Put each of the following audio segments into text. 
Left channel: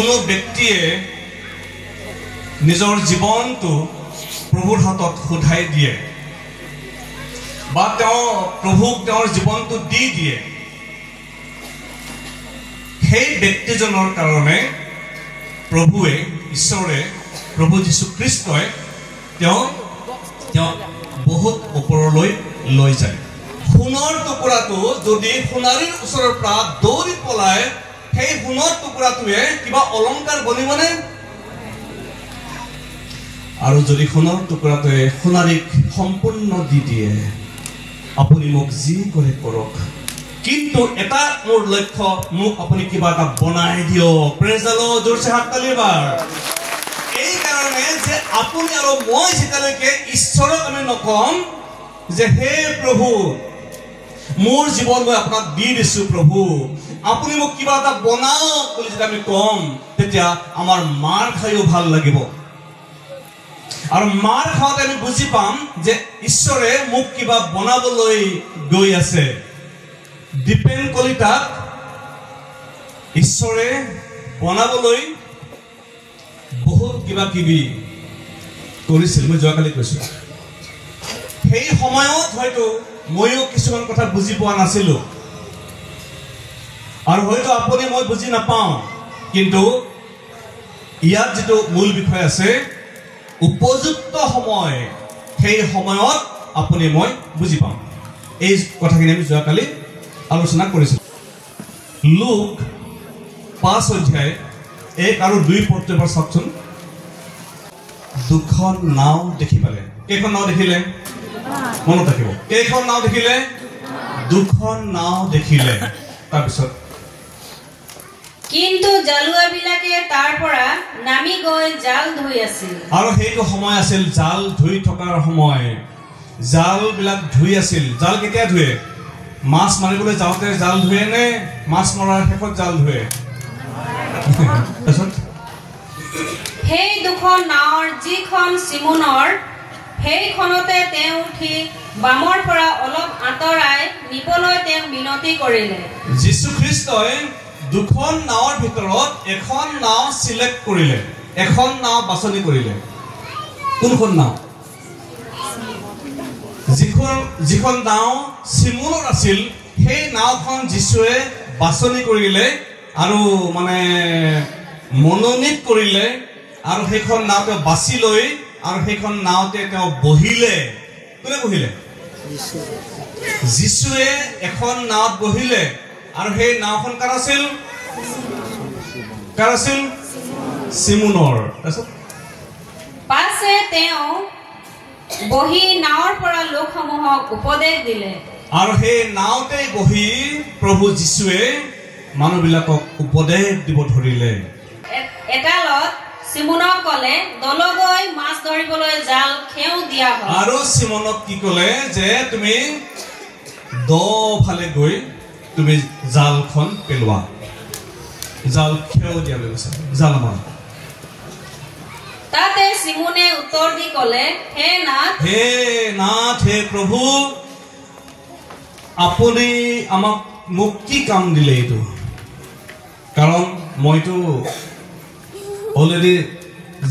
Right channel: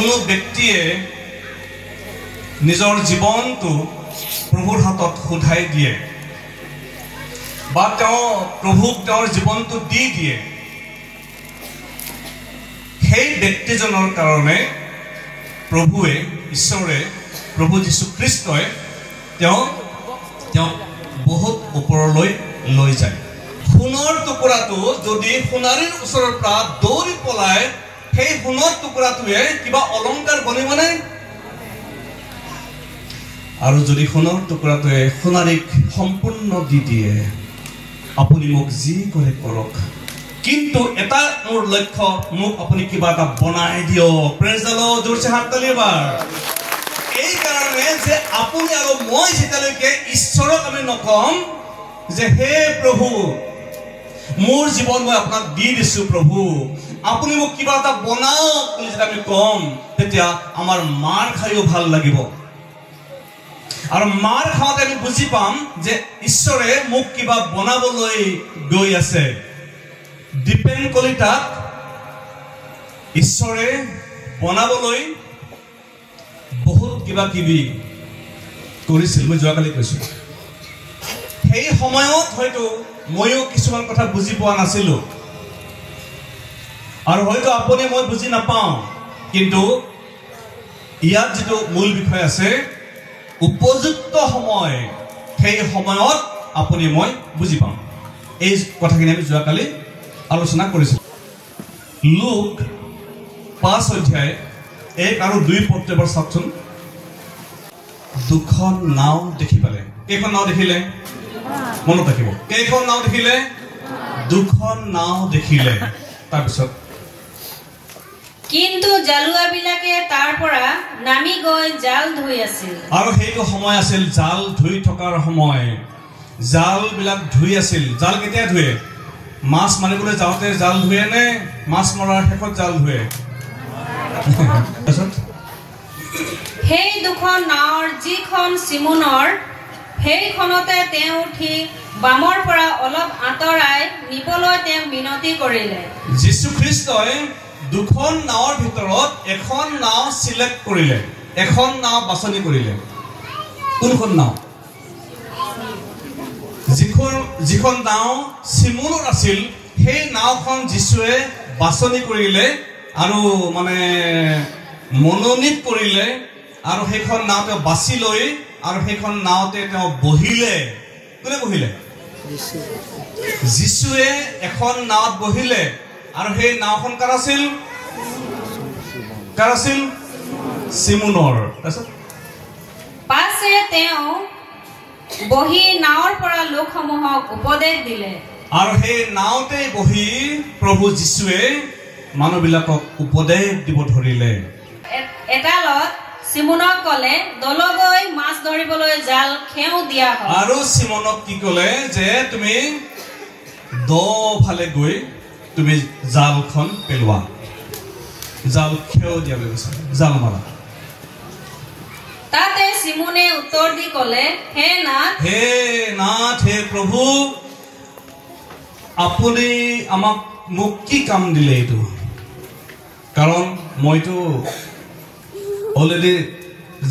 কোনো ব্যক্তিয়ে নিজৰ জীৱনটো প্ৰভুৰ হাতত সোধাই দিয়ে বা তেওঁ প্ৰভুক তেওঁৰ জীৱনটো দি দিয়ে, সেই ব্যক্তিজনৰ কাৰণে প্ৰভুৱে ঈশ্বৰে প্ৰভু যীশু খ্ৰীষ্টই তেওঁক বহুত ওপৰলৈ লৈ যায়। সোণৰ টুকুৰাটো যদি সোণাৰীৰ ওচৰৰ পৰা দৌৰি পলাই সেই সোণৰ টুকুৰাটোৱে কিবা অলংকাৰ বনিবনে? আৰু যদি সোণৰ টুকুৰাটোৱে সোণাৰীক সম্পূৰ্ণ দি দিয়ে, আপুনি মোক যি কৰে কৰক, কিন্তু এটা মোৰ লক্ষ্য, মোক আপুনি কিবা এটা বনাই দিয়ক। প্ৰেজ দ্য লৰ্ড, জোৰছে হাত তালি এবাৰ। এই কাৰণে যে আপুনি আৰু মই যেতিয়ালৈকে ঈশ্বৰক আমি নকম যে হে প্ৰভু মোৰ জীৱন মই আপোনাক দি দিছো, প্ৰভু আপুনি মোক কিবা এটা বনাওক বুলি যদি আমি কম, তেতিয়া আমাৰ মাৰ খাইও ভাল লাগিব। আৰু মাৰ খাওঁতে আমি বুজি পাম যে ঈশ্বৰে মোক কিবা বনাবলৈ গৈ আছে। দীপেন কলিতাক ঈশ্বৰে বনাবলৈ বহুত কিবা কিবি কৰিছিল, মই যোৱাকালি কৈছো। সেই সময়ত হয়তো ময়ো কিছুমান কথা বুজি পোৱা নাছিলো, আৰু হয়তো আপুনি মই বুজি নাপাওঁ, কিন্তু ইয়াত যিটো মূল বিষয় আছে, উপযুক্ত সময়, সেই সময়ত আপুনি মই বুজি পাম। এই কথাখিনি আমি যোৱাকালি আলোচনা কৰিছিলো। লুক 5 অধ্যায় 1 আৰু 2 পদ এবাৰ চাওকচোন। দুখন নাও দেখি পালে। কেইখন নাও দেখিলে? মনত ৰাখিব, কেইখন নাও দেখিলে? দুখন নাও দেখিলে। তাৰপিছত কিন্তু জালুৱাবিলাকে তাৰ পৰা নামি গৈ জাল ধুই আছিল। আৰু সেইটো সময় আছিল জাল ধুই থকাৰ সময়। জাল বিলাক ধুই আছিল। জাল কেতিয়া ধুৱে? মাছ মাৰিবলৈ যাওঁতে জাল ধুৱে নে মাছ মৰাৰ শেষত জাল ধুৱে? সেই দুখন নাৱৰ যিখন চিমোনৰ, সেইখনতে তেওঁ উঠি বামৰ পৰা অলপ আঁতৰাই নিবলৈ তেওঁক মিনতি কৰিলে। যীশু খ্ৰীষ্টই দুখন নাৱৰ ভিতৰত এখন নাও চিলেক্ট কৰিলে, এখন নাও বাছনি কৰিলে। কোনখন নাও? যিখন নাও চিমোনৰ আছিল, সেই নাওখন যীশুৱে বাছনি কৰিলে আৰু মানে মনোনীত কৰিলে, আৰু সেইখন নাও তেওঁ বাছি লৈ আৰু সেইখন নাওতে তেওঁ বহিলে। কোনে বহিলে? যীশুৱে এখন নাৱত বহিলে, আৰু সেই নাওখন কাৰ আছিল? কাৰ আছিল? চিমোনৰ। পাছে তেওঁ বহি নাৱৰ পৰা লোকসমূহক উপদেশ দিলে, আৰু সেই নাওতে বহি প্ৰভু যীশুৱে মানুহবিলাকক উপদেশ দিব ধৰিলে। এটালত চিমোনক কলে, দলগৈ মাছ ধৰিবলৈ জাল খেও দিয়া হয়। আৰু চিমোনক কি কলে যে তুমি দ ফালে গৈ তুমি জালখন পেলোৱা, জাল খেও দিয়া বুলি কৈছে, জাল মাৰা। তাতে চিমোনে উত্তৰ দি কলে, হে নাথ, হে প্ৰভু, আপুনি আমাক মোক কি কাম দিলে এইটো? কাৰণ মইতো অলৰেডি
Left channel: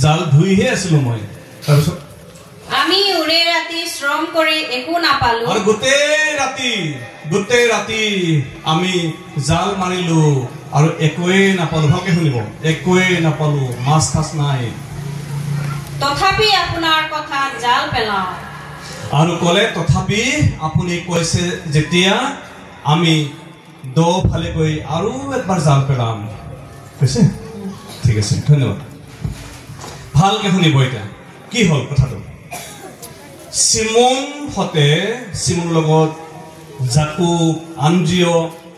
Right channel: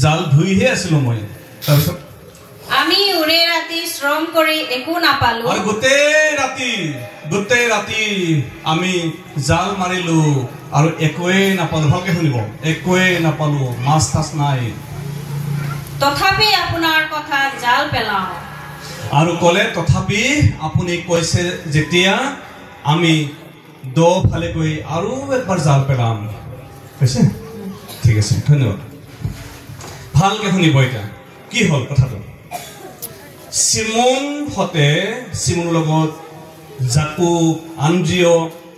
জাল ধুইহে আছিলো মই। তাৰপিছত আমি উৰে ৰাতি শ্ৰম কৰি একো নাপালো, আৰু গোটেই ৰাতি আমি জাল মাৰিলো আৰু একোৱেই নাপালো। ভালকে শুনিব, একোৱেই নাপালো, মাছ তাছ নাই। তথাপি আপোনাৰ কথা জাল পেলাও। আৰু কলে, তথাপি আপুনি কৈছে যেতিয়া আমি দ ফালে গৈ আৰু একবাৰ জাল পেলাম। কৈছে? ঠিক আছে, ধন্যবাদ। ভালকে শুনিব। এতিয়া কি হল কথাটো? চিমোনৰ লগত জাকুব, আন্দ্ৰিয়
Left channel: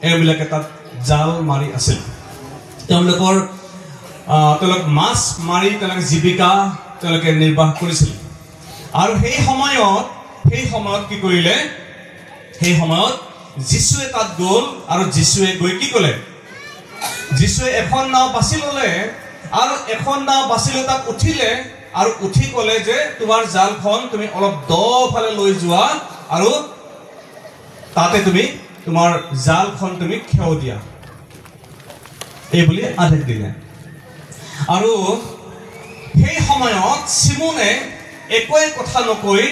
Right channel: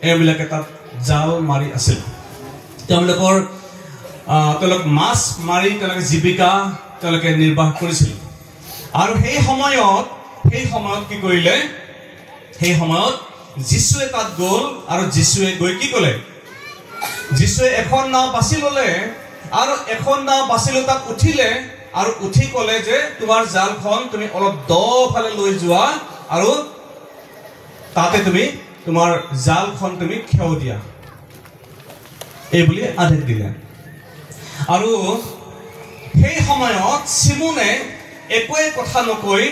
এইবিলাকে তাত জাল মাৰি আছিল। তেওঁলোক মাছ মাৰি তেওঁলোকে জীৱিকা তেওঁলোকে নিৰ্বাহ কৰিছিল। আৰু সেই সময়ত কি কৰিলে? সেই সময়ত যীশুৱে তাত গ'ল, আৰু যীশুৱে গৈ কি কলে? যীশুৱে এখন নাও বাছি ললে, আৰু এখন নাও বাছি লৈ তাত উঠিলে, আৰু উঠি কলে যে তোমাৰ জালখন তুমি অলপ দ ফালে লৈ যোৱা, আৰু তাতে তুমি তোমাৰ জালখন তুমি খেও দিয়া, এই বুলি আদেশ দিলে। আৰু সেই সময়ত চিমনে একোৱে কথা নকৈ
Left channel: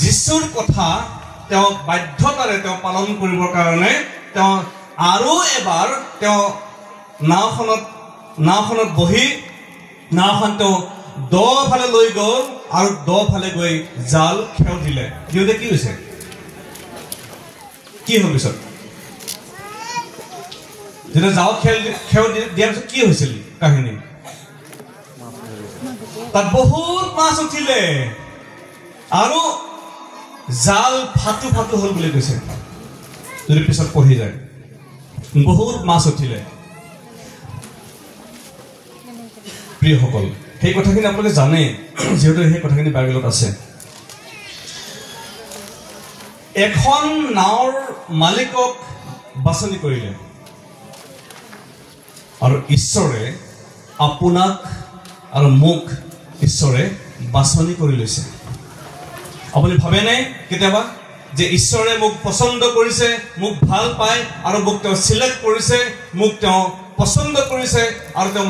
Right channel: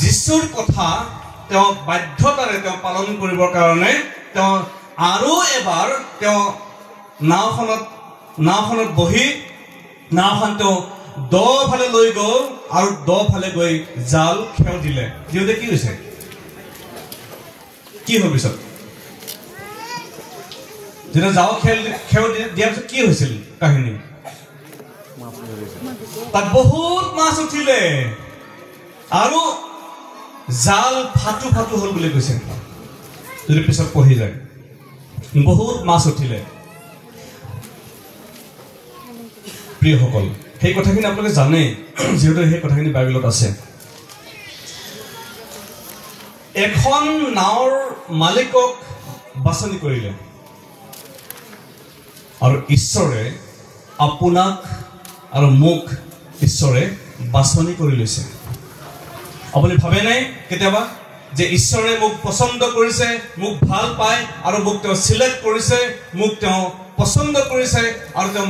যীশুৰ কথা তেওঁ বাধ্যতাৰে তেওঁ পালন কৰিবৰ কাৰণে তেওঁ আৰু এবাৰ তেওঁ নাওখনত বহি নাওখন তেওঁ দ ফালে লৈ গ'ল আৰু দ ফালে গৈ জাল খেও দিলে। দিওঁতে কি হৈছে? কি হ'ল পিছত? যেতিয়া জাল খেও দিয়াৰ পিছত কি হৈছিল কাহিনী? তাত বহুত মাছ উঠিলে আৰু জাল ফাটু হ'ল বুলি কৈছে। যদি পিছত পঢ়ি যায় বহুত মাছ উঠিলে। প্ৰিয়সকল, সেই কথাখিনি আপোনালোকে জানে, যিহেতু সেই কথাখিনি বাইবেলত আছে। এখন নাৱৰ মালিকক বাছনি কৰিলে আৰু ঈশ্বৰে আপোনাক আৰু মোক ঈশ্বৰে বাছনি কৰি লৈছে। আপুনি ভাবেনে কেতিয়াবা যে ঈশ্বৰে মোক পচন্দ কৰিছে, মোক ভাল পায় আৰু মোক তেওঁ চিলেক্ট কৰিছে, মোক তেওঁ পচন্দ কৰিছে আৰু তেওঁ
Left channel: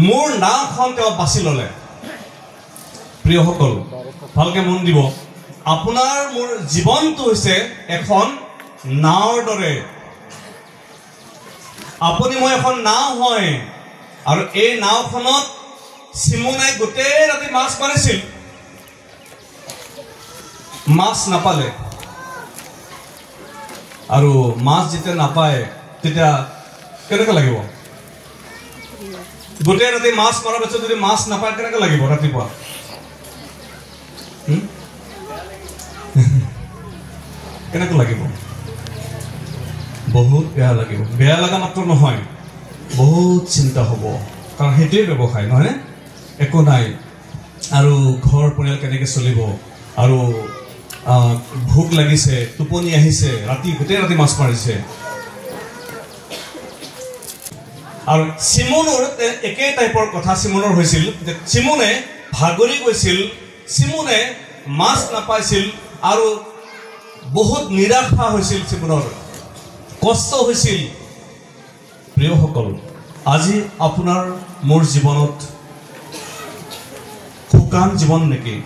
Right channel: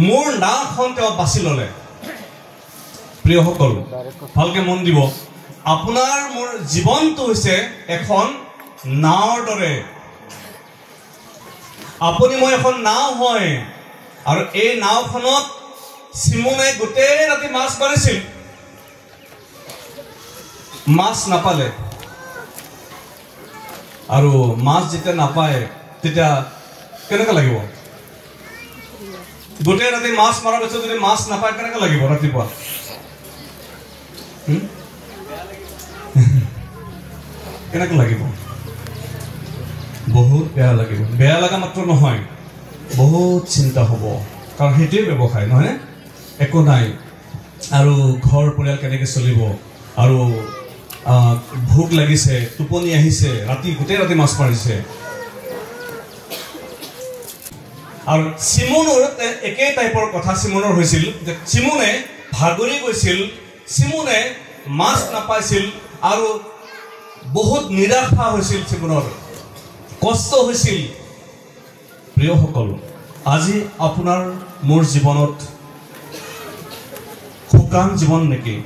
মোৰ নাওখন তেওঁ বাছি ল'লে? প্ৰিয়সকল, ভালকে মন দিব। আপোনাৰ মোৰ জীৱনটো হৈছে এখন নাওৰ দৰে। আপুনি মই এখন নাও হয় আৰু এই নাওখনত চিমনে গোটেই ৰাতি মাছ মাৰিছিল, মাছ নাপালে। আৰু মাছ যেতিয়া নাপায় তেতিয়া কেনেকৈ লাগিব? গোটেই ৰাতি মাছ মৰাৰ পিছত যদি মাছ নাপায় কেনেকৈ লাগিব ৰাতিপুৱা? কেনেকৈ লাগিব? বহুত বেয়া লাগিব। বেয়া লগা মাত্ৰ নহয়, বহুত চিন্তা হ'ব, কাৰণ সেইটোৱে ব্যৱসায় নহয়, একো নাই। আৰু ঘৰ পৰিয়াল কেনেকৈ চলিব, আৰু ভোক লাগিছে, টোপনি আহিছে, গোটেই ৰাতি মাছ মাৰিছে। আৰু চিমনৰ একেই টাইপৰ কথা চিমনৰ হৈছিল। চিমনে ভাগৰি গৈছিল, চিমনে মাছ নাপাইছিল আৰু বহুত নিৰাশা হৈছিল, চিমনৰ কষ্ট হৈছিল। প্ৰিয়সকল, আজি আপোনাৰ মোৰ জীৱনত শুকান জীৱন নেকি?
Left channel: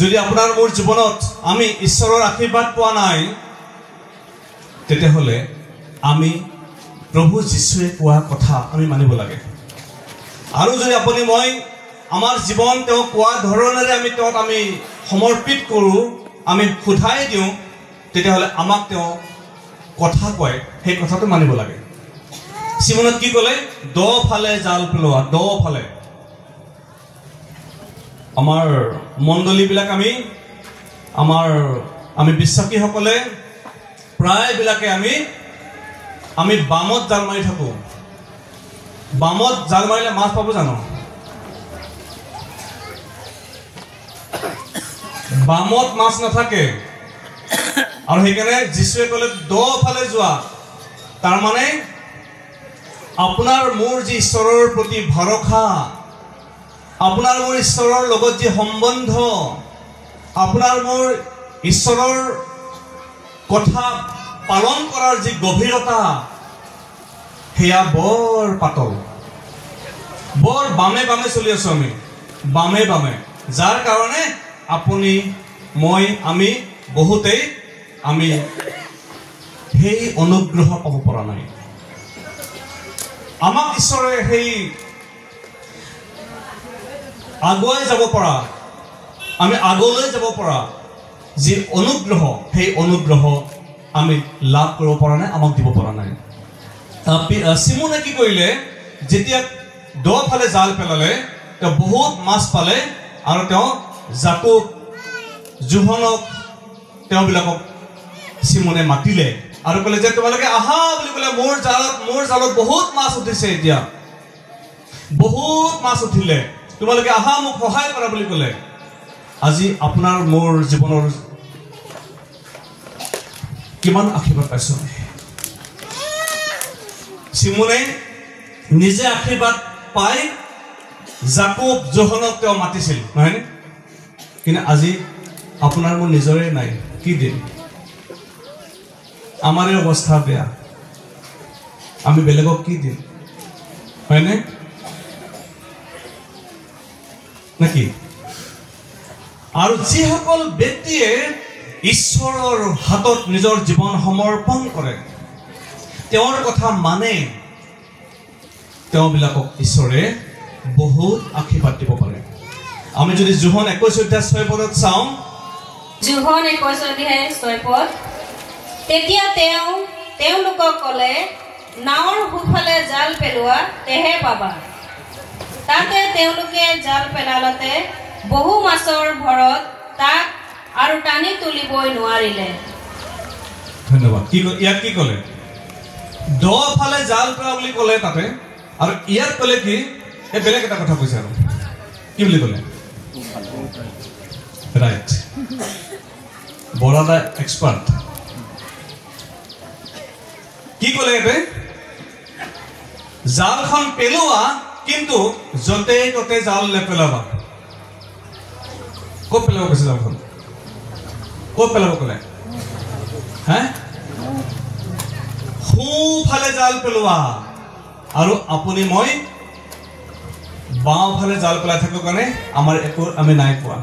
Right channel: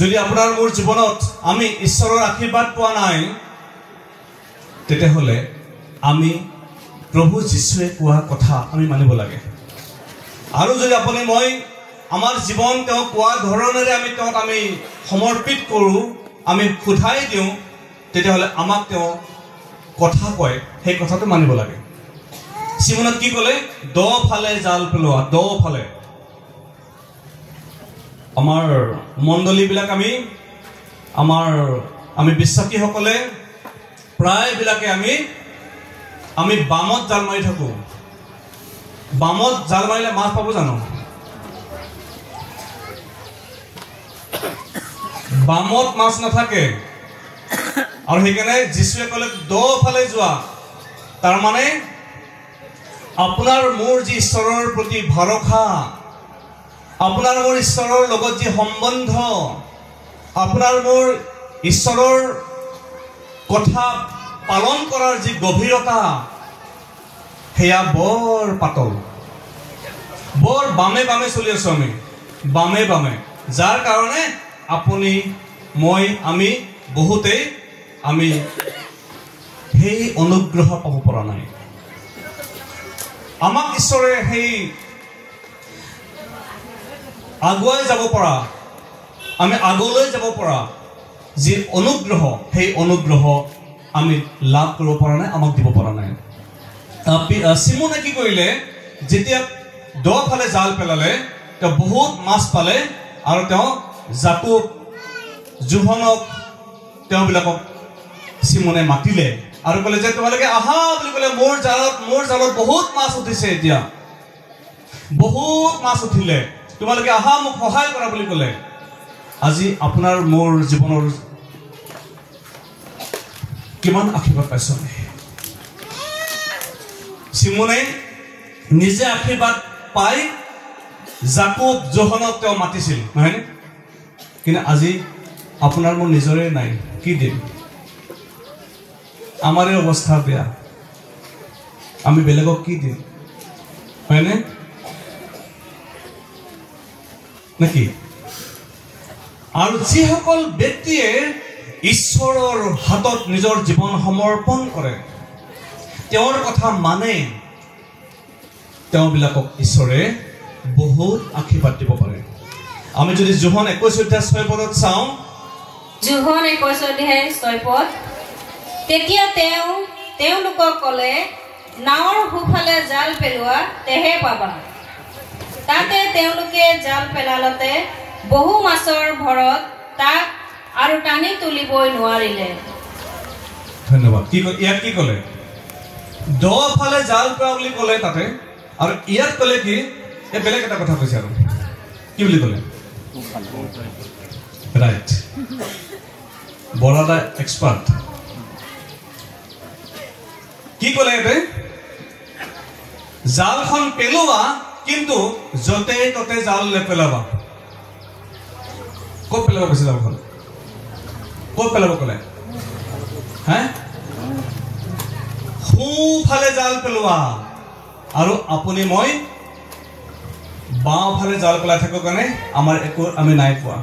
যদি আপোনাৰ মোৰ জীৱনত আমি ঈশ্বৰৰ আশীৰ্বাদ পোৱা নাই, তেতিয়াহ'লে আমি প্ৰভু যীশুৱে কোৱা কথা আমি মানিব লাগে। আৰু যদি আপুনি মই আমাৰ জীৱন তেওঁ কোৱা ধৰণেৰে আমি সমৰ্পিত কৰোঁ, আমি সোধাই দিওঁ, তেতিয়াহ'লে আমাক তেওঁ কথা কয়, সেই কথাটো মানিব লাগে। চিমনত কি ক'লে? দ ফালে জাল পেলোৱা, দ ফালে। আমাৰ মণ্ডলীবিলাক আমি বিশ্বাসীসকলে প্ৰায়বিলাকে আমি বামত জাল মাৰি থাকোঁ। বামত জাল মাৰিলে মাছ পাব জানো? বামত মাছ নাথাকে। আৰু সেইকাৰণে যীশুৱে ক'লে দ ফালে যোৱা। তাৰমানে আপোনাৰ মোৰ যি ঈশ্বৰৰ প্ৰতি ভৰসা, আপোনাৰ মোৰ ঈশ্বৰৰ লগত যি সম্বন্ধ, আপোনাৰ মোৰ ঈশ্বৰৰ কথা পালন কৰাৰ যি গভীৰতা, সেয়া বৰ পাতল, বৰ বামে বামে চলি আছো আমি, বামে বামে। যাৰ কাৰণে আপুনি মই বহুতেই সেই অনুগ্ৰহ পাব পৰা নাই। আমাক ঈশ্বৰে সেই আগুৱাই যাব পৰা, আমি আগলৈ যাব পৰা যি অনুগ্ৰহ, সেই অনুগ্ৰহ আমি লাভ কৰিব পৰা নাই, আমাক দিব পৰা নাই। চিমনে কি কৰিলে? যেতিয়া দ ফালে জাল পেলালে, তেওঁ বহুত মাছ পালে আৰু তেওঁ জাকুব, জোহনক, তেওঁবিলাকক চিমনে মাতিলে আৰু ক'লে যে তোমালোকে আহা বুলি ক'লে, মোৰ জালত বহুত মাছ উঠিছে, এতিয়া বহুত মাছ উঠিলে, তোমালোকে আহা মোক সহায় কৰা বুলি ক'লে। আজি আপোনাৰ মোৰ জীৱনৰ কিমান আশীৰ্বাদ পাইছো? চিমনে নিজে আশীৰ্বাদ পাই জাকুব, জোহনক তেওঁ মাতিছিল, নহয়নে? কিন্তু আজি আপোনাৰ মোৰ নিজৰে নাই, কি দিম? আমাৰে অৱস্থা বেয়া, আমি বেলেগক কি দিম? হয়নে নাকি আৰু যিসকল ব্যক্তিয়ে ঈশ্বৰৰ হাতত নিজৰ জীৱন সমৰ্পণ কৰে তেওঁৰ কথা মানে তেওঁবিলাকক ঈশ্বৰে বহুত আশীৰ্বাদ দিব পাৰে আমি যদি যোহন 21:6 চাওঁ যোহন 21:6 তেতিয়া তেওঁলোকক ক'লে নাৱৰ সোঁফালে জাল পেলোৱা তেহে পাবা তাতে তেওঁলোকে জাল পেলালতে বহু মাছৰ ভৰত তাক আৰু টানি তুলিবই নোৱাৰিলে ধন্যবাদ ইয়াত কি ক'লে দ ফালে জাল পেলোৱা বুলি ক'লে তাতে আৰু ইয়াত ক'লে কি এই বেলেগ এটা কথা কৈছে আৰু কি বুলি ক'লে ৰাইট বৰাদা এক্সপাৰ্ট কি ক'লে ইয়াতে জালখন পেলোৱা কিন্তু য'তে ত'তে জাল নেপেলাবা ক'ত পেলাব কৈছে জালখন ক'ত পেলাব ক'লে হে সোঁফালে জাল পেলোৱা আৰু আপুনি মই বাওঁফালে জাল পেলাই থাকোঁ কাৰণে আমাৰ একো আমি নাই পোৱা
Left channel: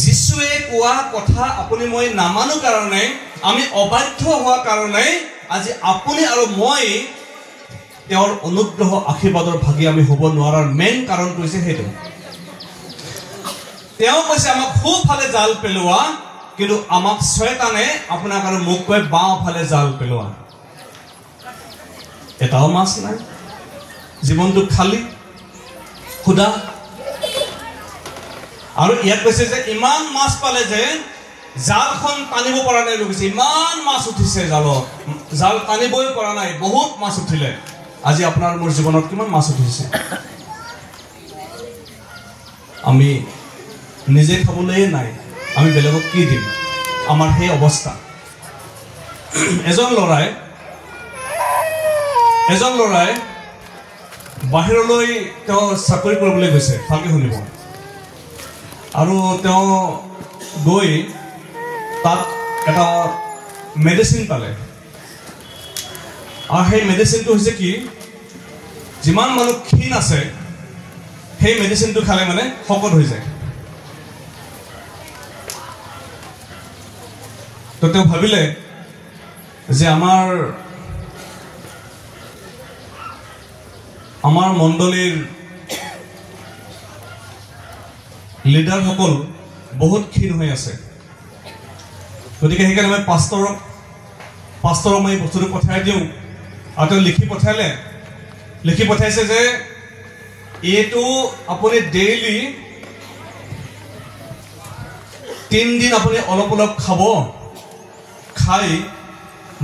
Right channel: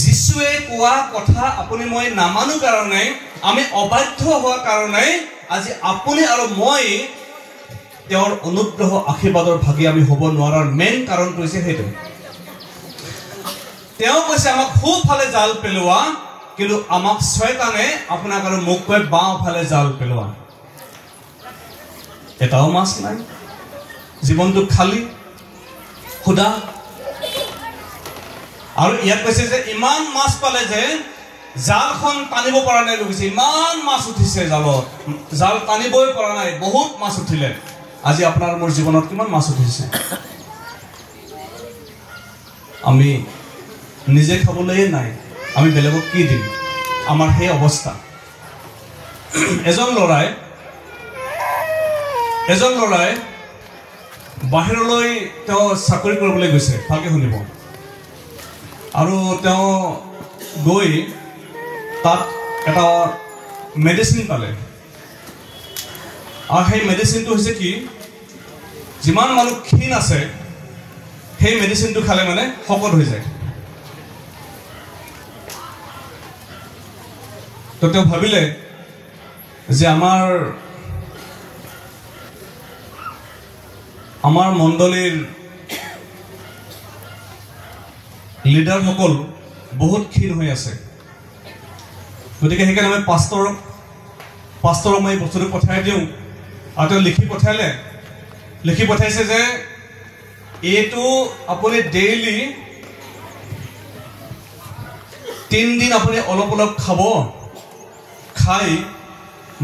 যিশুৱে কোৱা কথা আপুনি মই নামানো কাৰণে আমি অবাধ্য হোৱা কাৰণে আজি আপুনি আৰু মই তেওঁৰ অনুগ্ৰহ আশীৰ্বাদৰ ভাগি আমি হ'ব নোৱাৰাৰ মেইন কাৰণটো হৈছে সেইটো তেওঁ কৈছে আমাক সোঁফালে জাল পেলোৱা কিন্তু আমাক শয়তানে আপোনাক আৰু মোক কয় বাওঁফালে জাল পেলোৱা এটাও মাছ নাই জীৱনটো খালী খুদা আৰু ইয়াত কৈছে যে ইমান মাছ পালে যে জালখন টানিব পৰা নাই কৈছে ইমান মাছ উঠিছে জালত জাল টানিবই পৰা নাই বহুত মাছ উঠিলে আজি আপোনাৰ মোৰ জীৱনত কিমান মাছ উঠিছে আমি নিজে খাবলৈ নাই আমি বেলেগক কি দিম আমাৰ সেই অৱস্থা এজন ল'ৰাই বাহিৰলৈ তেওঁ চাকৰি কৰিবলৈ গৈছে ভালকৈ শুনিব আৰু তেওঁ গৈ তাত এটা মেডিচিন পালে আৰু সেই মেডিচিনটো হৈছে কি যিমান মানুহ ক্ষীণ আছে সেই মেডিচিনটো খালে মানে শকত হৈ যায় তো তেওঁ ভাবিলে যে আমাৰ মণ্ডলীৰ লিডাৰসকল বহুত ক্ষীণ হৈ আছে গতিকে সেইকাৰণে মই পাষ্টৰক মই বস্তুটো পঠাই দিওঁ আৰু তেওঁ লিখি পঠাইছে যে এইটো আপুনি ডেইলি 3 দিন আপুনি অলপ অলপ খাব খাই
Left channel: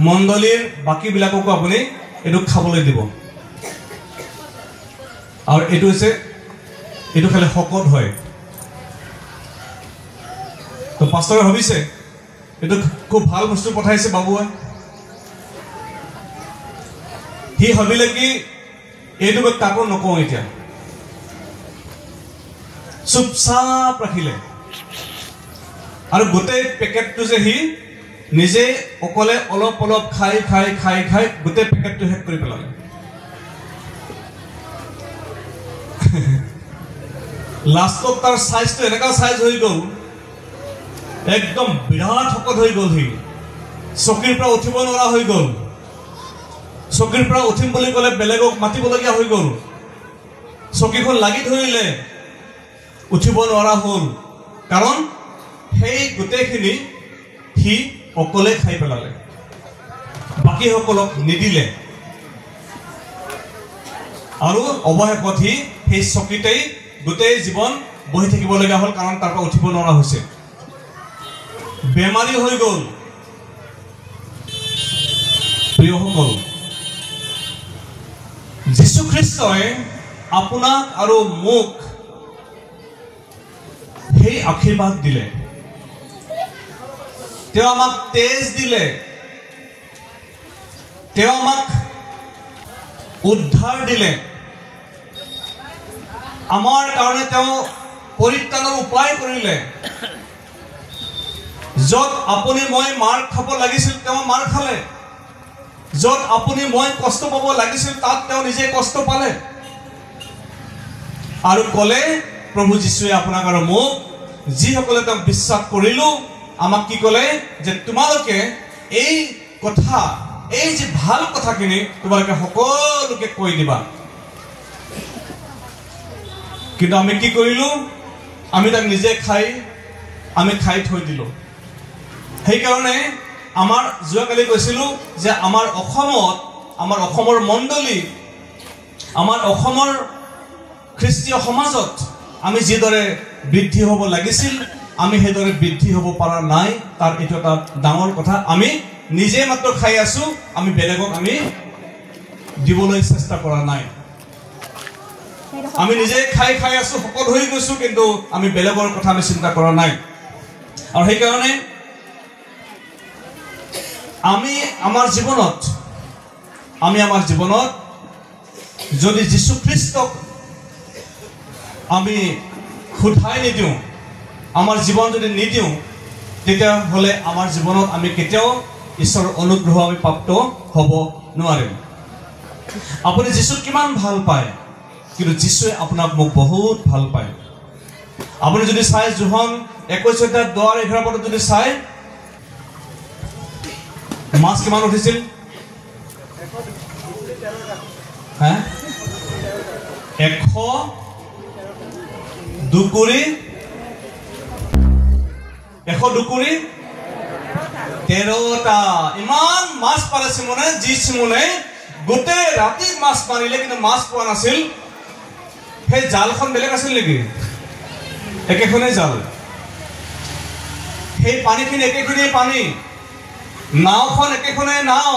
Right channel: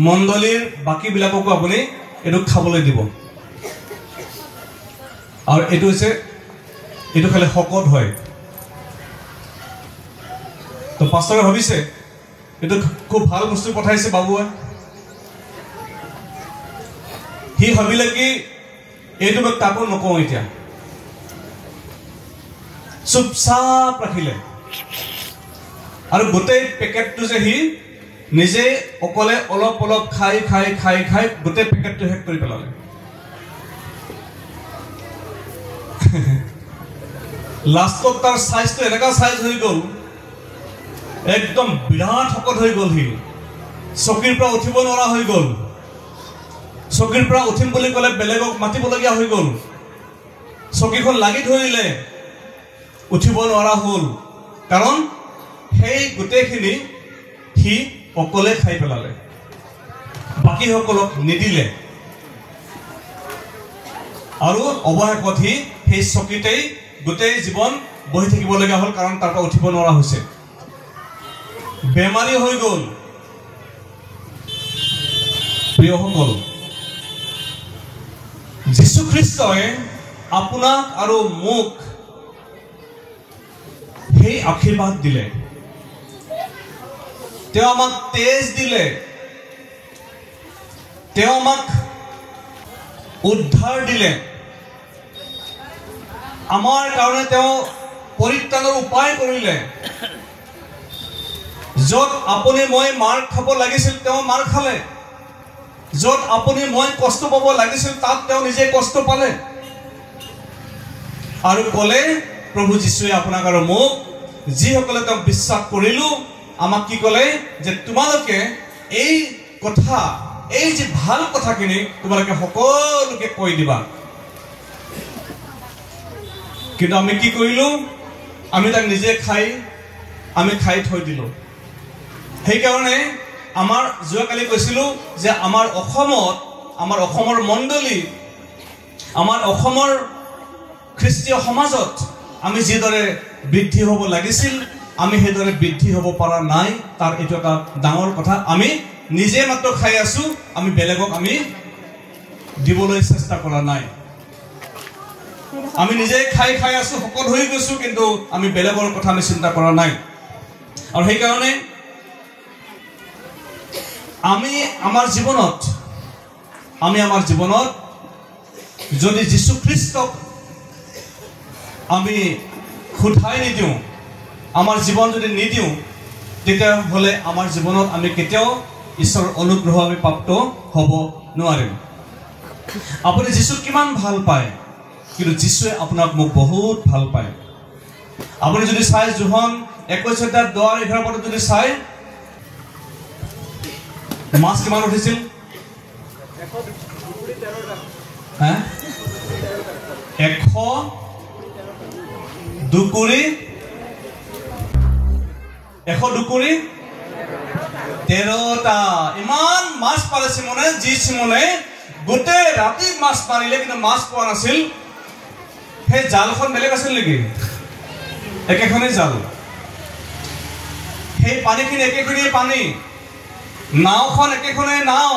মণ্ডলীৰ বাকীবিলাককো আপুনি এইটো খাবলৈ দিব আৰু এইটো খালে শকত হয় তো পাষ্টৰে ভাবিছে এইটো খুব ভাল বস্তু পঠাইছে বাবুৱে সি ভাবিলে কি এইটো মই কাকো নকওঁ এতিয়া চুপচাপ ৰাখিলে আৰু গোটেই পেকেটটো যে সি নিজে অকলে অলপ অলপ খাই গোটেই পেকেটটো শেষ কৰি পেলালে লাষ্টত তাৰ সাইজটো এনেকা সাইজ হৈ গ'ল একদম বিৰাট শকত হৈ গ'ল সি চকীৰ পৰা উঠিব নোৱাৰা হৈ গ'ল চকীৰ পৰা উঠিম বুলি ক'লে বেলেগক মাতিবলগীয়া হৈ গ'ল চকীখন লাগি ধৰিলে উঠিব নোৱাৰা হ'ল কাৰণ সেই গোটেইখিনি সি অকলে খাই পেলালে বাকীসকলক নিদিলে আৰু অৱশেষত সি সেই চকীতেই গোটেই জীৱন বহি থাকিবলগীয়া হ'ল কাৰণ তাৰ পৰা উঠিব নোৱাৰা হৈছে বেমাৰী হৈ গ'ল প্ৰিয়সকল যীশু খ্ৰীষ্টই আপোনাক আৰু মোক সেই আশীৰ্বাদ দিলে তেওঁ আমাক তেজ দিলে তেওঁ আমাক উদ্ধাৰ দিলে আমাৰ কাৰণে তেওঁ পৰিত্ৰাণৰ উপায় কৰিলে য'ত আপুনি মই মাৰ খাব লাগিছিল তেওঁ মাৰ খালে য'ত আপুনি মই কষ্ট পাব লাগিছিল তাত তেওঁ নিজে কষ্ট পালে আৰু ক'লে প্ৰভু যীশুৱে আপোনাক আৰু মোক যিসকলে তেওঁক বিশ্বাস কৰিলো আমাক কি ক'লে যে তোমালোকে এই কথা এই যে ভাল কথাখিনি তোমালোকে সকলোকে কৈ দিবা কিন্তু আমি কি কৰিলো আমি তাক নিজে আমি খাই থৈ দিলো সেইকাৰণে আমাৰ যোৱাকালি কৈছিলো যে আমাৰ অসমৰ মণ্ডলী আমাৰ অসমৰ খ্ৰীষ্টীয় সমাজত আমি যিদৰে বৃদ্ধি হ'ব লাগিছিল আমি সেইদৰে বৃদ্ধি হ'ব পৰা নাই তাৰ এইটো এটা ডাঙৰ কথা আমি নিজে মাত্ৰ খাই আছো আমি বেলেগক আমি দিবলৈ চেষ্টা কৰা নাই আমি নিজে খাই আছো সকল হৈ গৈছো কিন্তু আমি বেলেগৰ কথা আমি চিন্তা কৰা নাই আৰু সেইকাৰণে আমি আমাৰ জীৱনত যদি যীশু খ্ৰীষ্টক আমি খুধাই নিদিওঁ আমাৰ জীৱন যদি নিদিওঁ তেতিয়াহ'লে আমাৰ জীৱনত আমি কেতিয়াও ঈশ্বৰৰ অনুগ্ৰহ আমি প্ৰাপ্ত হ'ব নোৱাৰিম আপুনি যীশুক কিমান ভাল পায় কিন্তু যীশুৱে আপোনাক মোক বহুত ভাল পায় আপুনি যদি চাই যোহন 21:10-11 পদত যদি চাই মাছ কিমান উঠিছিল 102 কুৰি 13টা ইমান মাছ পালে চিমনে গোটেই ৰাতি মাছ মাৰিলে কিন্তু মাছ পোৱা নাছিল সেই জালখন বেলেগ আছিল নেকি একেখনেই জাল সেই পানীখিনি একেখনেই পানী নাওখন একেখনেই নাও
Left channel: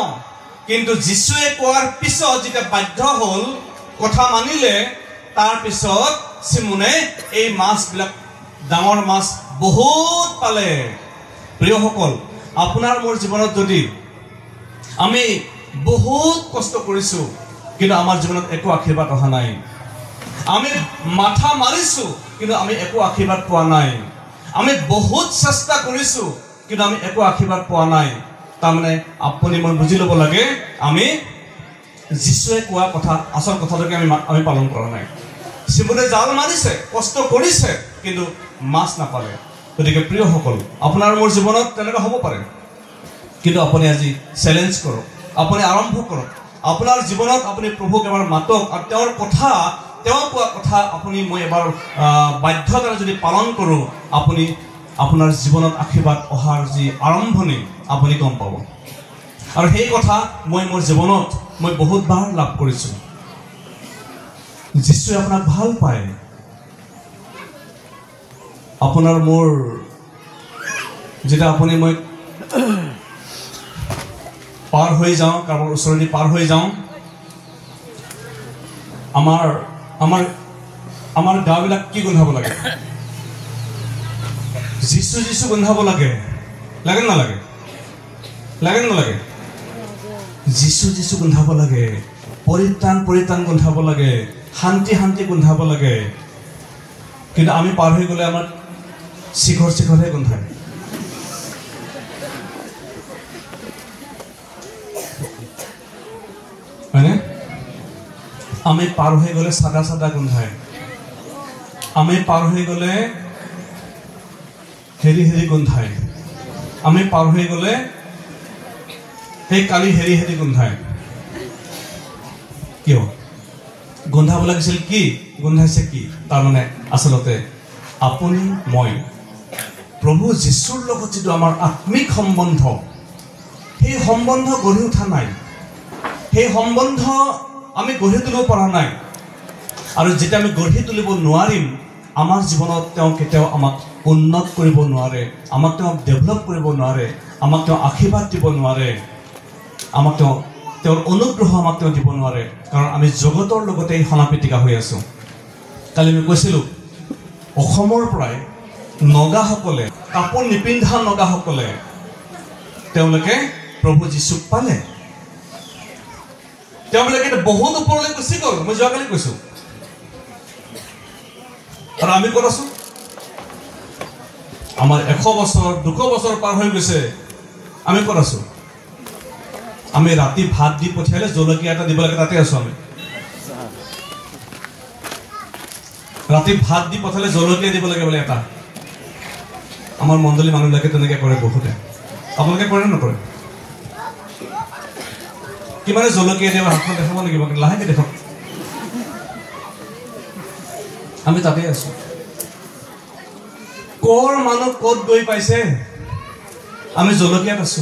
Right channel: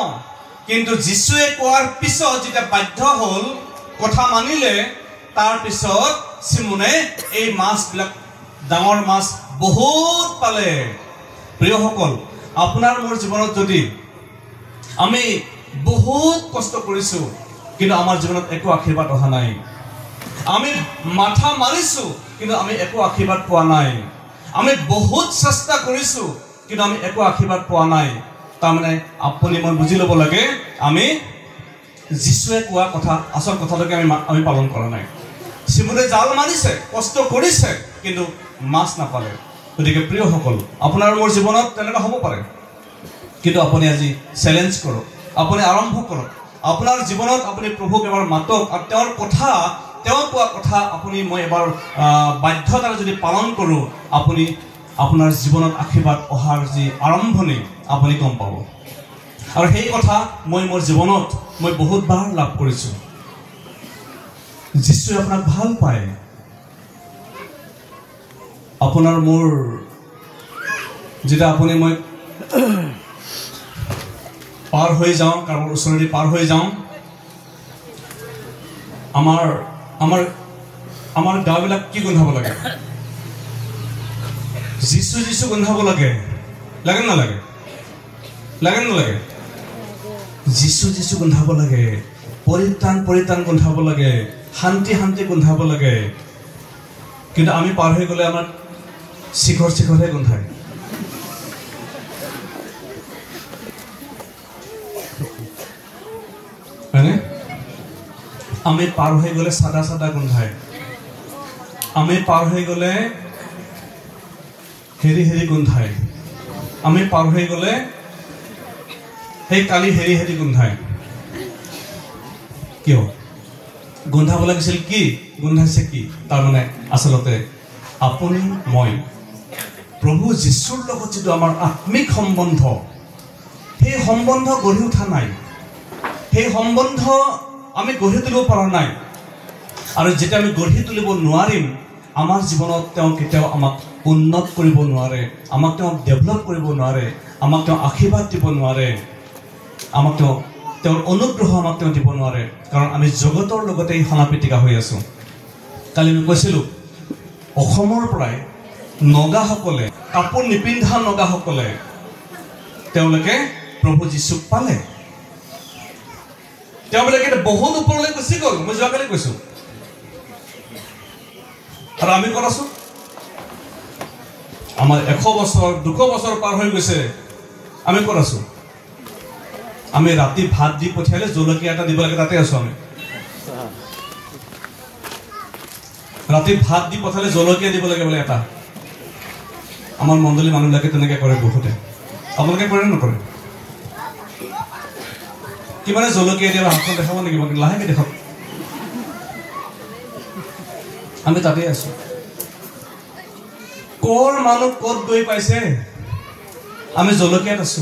কিন্তু যীশুৱে কোৱাৰ পিছত যেতিয়া বাধ্য হ'ল কথা মানিলে তাৰ পিছত চিমনে এই মাছবিলাক ডাঙৰ মাছ বহুত পালে প্ৰিয়সকল আপোনাৰ মোৰ জীৱনত যদি আমি বহুত কষ্ট কৰিছো কিন্তু আমাৰ জীৱনত একো আশীৰ্বাদ অহা নাই আমি মাথা মাৰিছো কিন্তু আমি একো আশীৰ্বাদ পোৱা নাই আমি বহুত চেষ্টা কৰিছো কিন্তু আমি একো আশীৰ্বাদ পোৱা নাই তাৰমানে আপুনি মই বুজি ল'ব লাগে আমি যীশুৱে কোৱা কথা আচল কথাটোকে আমি পালন কৰা নাই চিমনে জাল মাৰিছে কষ্ট কৰিছে কিন্তু মাছ নাপালে গতিকে প্ৰিয়সকল আপোনাৰ মোৰ জীৱনত তেনেকুৱা হ'ব পাৰে কিন্তু আপুনি আজি চেলেঞ্জ কৰক আপুনি আৰম্ভ কৰক আপোনাৰ জীৱনত আপুনি প্ৰভুক এবাৰ মাতক আৰু তেওঁৰ কোৱা কথা আপুনি মই এবাৰ বাধ্যতাৰে যদি পালন কৰোঁ আপুনি আপোনাৰ জীৱনত আশীৰ্বাদ অহাৰ যি আৰম্ভণি আপুনি গম পাব আৰু সেই কথা মই মোৰ জীৱনত মই বহুতবাৰ লাভ কৰিছোঁ যীশুৱে আপোনাক ভাল পায় আপোনাৰ মোৰ যেতিয়া আপুনি মই পাৰ হৈ যাওঁ কাৰোবাৰ ওচৰেদি পাৰ হৈ যাওঁ আমাৰ গাবিলাক কি গোন্ধাব লাগে যীশু গোন্ধাব লাগে লাগে নালাগে যীশু গোন্ধাব লাগে পৰিত্ৰাণ গোন্ধাব লাগে শান্তি গোন্ধাব লাগে কিন্তু আমি পাৰ হৈ গ'লে আমাৰ শিখৰহে গোন্ধায় হয়নে আমি পাৰ হৈ গ'লে চাদা গোন্ধায় আমি পাৰ হৈ গ'লে হেৰি গোন্ধায় আমি পাৰ হৈ গ'লে সেই কালি হেৰি গোন্ধায় কিয় গোন্ধাব লাগিছিল কি গোন্ধাইছে কি তাৰমানে আচলতে আপুনি মই প্ৰভু যীশুৰ লগত যিটো আমাৰ আত্মিক সম্বন্ধ সেই সম্বন্ধ গঢ়ি উঠা নাই সেই সম্বন্ধ আমি গঢ়ি তুলিব পৰা নাই আৰু যেতিয়া আমি গঢ়ি তুলিব নোৱাৰিম আমাৰ জীৱনত তেওঁ কেতিয়াও আমাক উন্নত কৰিব নোৱাৰে আমাক তেওঁ ডেভেলপ কৰিব নোৱাৰে আমাক তেওঁ আশীৰ্বাদ দিব নোৱাৰে আমাক তেওঁৰ অনুগ্ৰহ আমাক তেওঁ দিব নোৱাৰে কাৰণ আমি জগতৰ লগতে সনাপিটিকা হৈ আছো কালি আমি কৈছিলোঁ অসমৰ পৰাই নগাসকলে কাপোৰ নিপিন্ধা নগাসকলে তেওঁলোকে প্ৰভু যীশুক পালে তেওঁবিলাকে বহুত ওপৰলৈ গুচি গ'ল মই যোৱাকালি কৈছো আৰু আমি ক'ত আছো আমাৰ 100 বছৰ 200 বছৰ পাৰ হৈ গৈছে আমি ক'ত আছো আমি ৰাতি ভাত দি পঠিয়ালে জলকীয়া এটা দিব লাগে, তাতে আছো আমি। ৰাতি ভাত দি পঠালে জলকীয়া দিব লাগে বোলে এটা। আমাৰ মণ্ডলী মানুহবিলাকে তেনেকে কৰে বহুতে। আপোনালোকে কৰে নকৰে? কিমানে জলকীয়া দিয়ে হাতখন দেখাব লাগিব, লাহেকে দেখাব। আমি তাতে আছো। কৰ মানুহ ক'ত গৈ পাইছে, আমি জলকীয়াত আছো।